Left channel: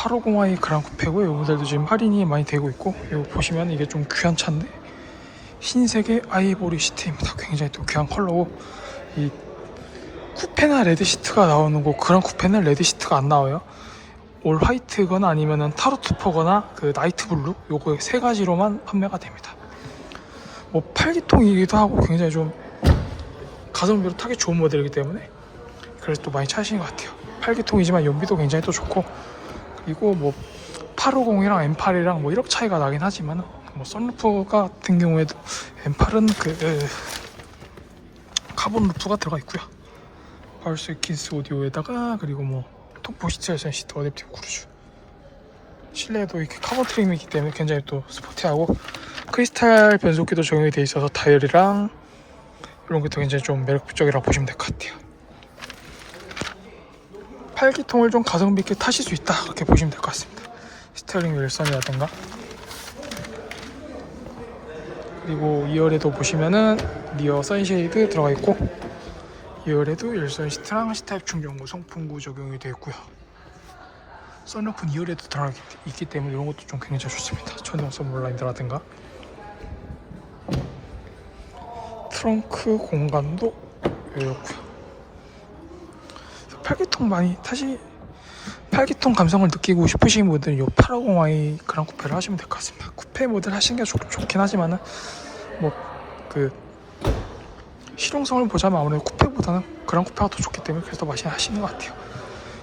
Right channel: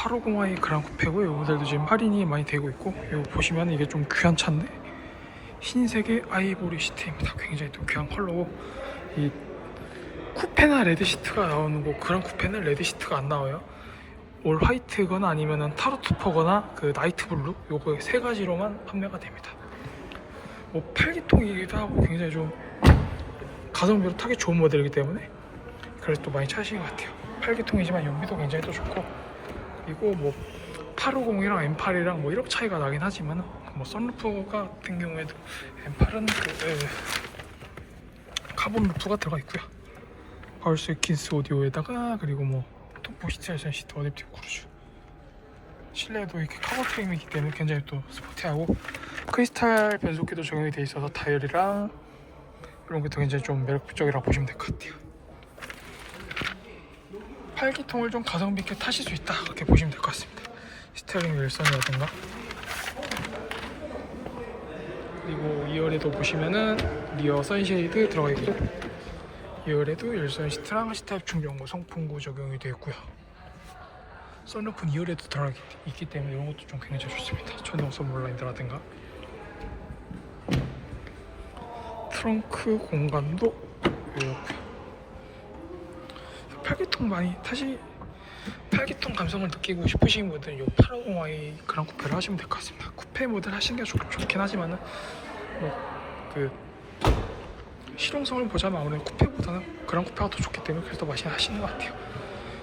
850i 그랑 쿠페고 이 모델도 지금 할인이 많이 되고 있고 이거 보시면 이게 좀 귀한 차인데 흰색의 아이보리 시트입니다. 굉장히 또 귀한 컬러고 이 쿠페나 레드 시트가 나오는 거 그랑 쿠페는 레드 시트가 안 나와요. 올 화이트거나 아니면은 타로트퍼거나 그 나이트 블루 요거 세 가지로만 판매가 됩니다. 뭐 8기통이기도 하고 굉장히 좀 가성비로 타기 좋은 모델이기 때문에 그래서 또 많이 찾으시는 것 같아요. 8기통이지만 연비도 굉장히 또 좋고 그리고 뭐 850이랑 M8이랑 뭐 1억 차이가 나긴 하지만 뭐 썬루프 같은 경우에도 M8은 그 에, 카본 루프가 들어가 있고요. 파울스 킨스 오디오에다가 그리고 뭐 톱보시트에서 시트 어댑티브 크루즈 실내도 이렇게 카본 트림이기 때문에 굉장히 또 스포티하고 크리스탈 변속기도 적용이 돼 있어서 다이얼이랑 이런 것도 굉장히 좀 매력적이라고 보시면 될 것 같아요. 8기통을 좀 가성비 있게 타실 수 있다 그렇게 보시면 될 것 같습니다. 스티어링 윌선이라든가 그리고 2열에도 보시면은 리어 선쉐이드 들어가 있고 2열에도 열선 시트랑 C타입 충전구 송풍구 적용이 되어 있고요. 썬루프는 2열에도 들어가 있기 때문에 이런 것도 좀 굉장히 좋습니다. 전동 선물라인드라든가 트렁크 공간도 이렇고요. 8기통 많이 타시 8기통 감성을 느끼고 싶으신 분들은 이 850i 그랑 쿠페를 하시면 될 것 같습니다. 쿠페 모델 하시는 게 좋, 좋긴 하지만은 뭐 그 실용성을 보자면 아무래도 쿠페보다는 그랑 쿠페가 더 좋기 때문에 그래서 많이 하시는 것 같아요.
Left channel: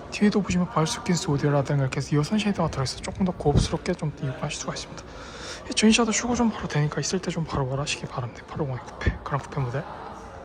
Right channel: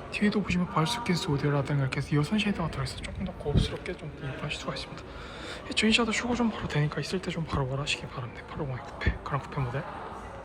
뒤에도 보시면 바이스킨스 오디오라든가 이렇게 해서 이어선 쉐이더가 들어있어서 조금 더 고급스럽게 좀 이용하실 수가 있습니다. 전시하다 휴고 좀 바로 되니까 있을 때 좀 바로 말하시기 바랍니다. 850i 쿠페 그랑 쿠페 모델.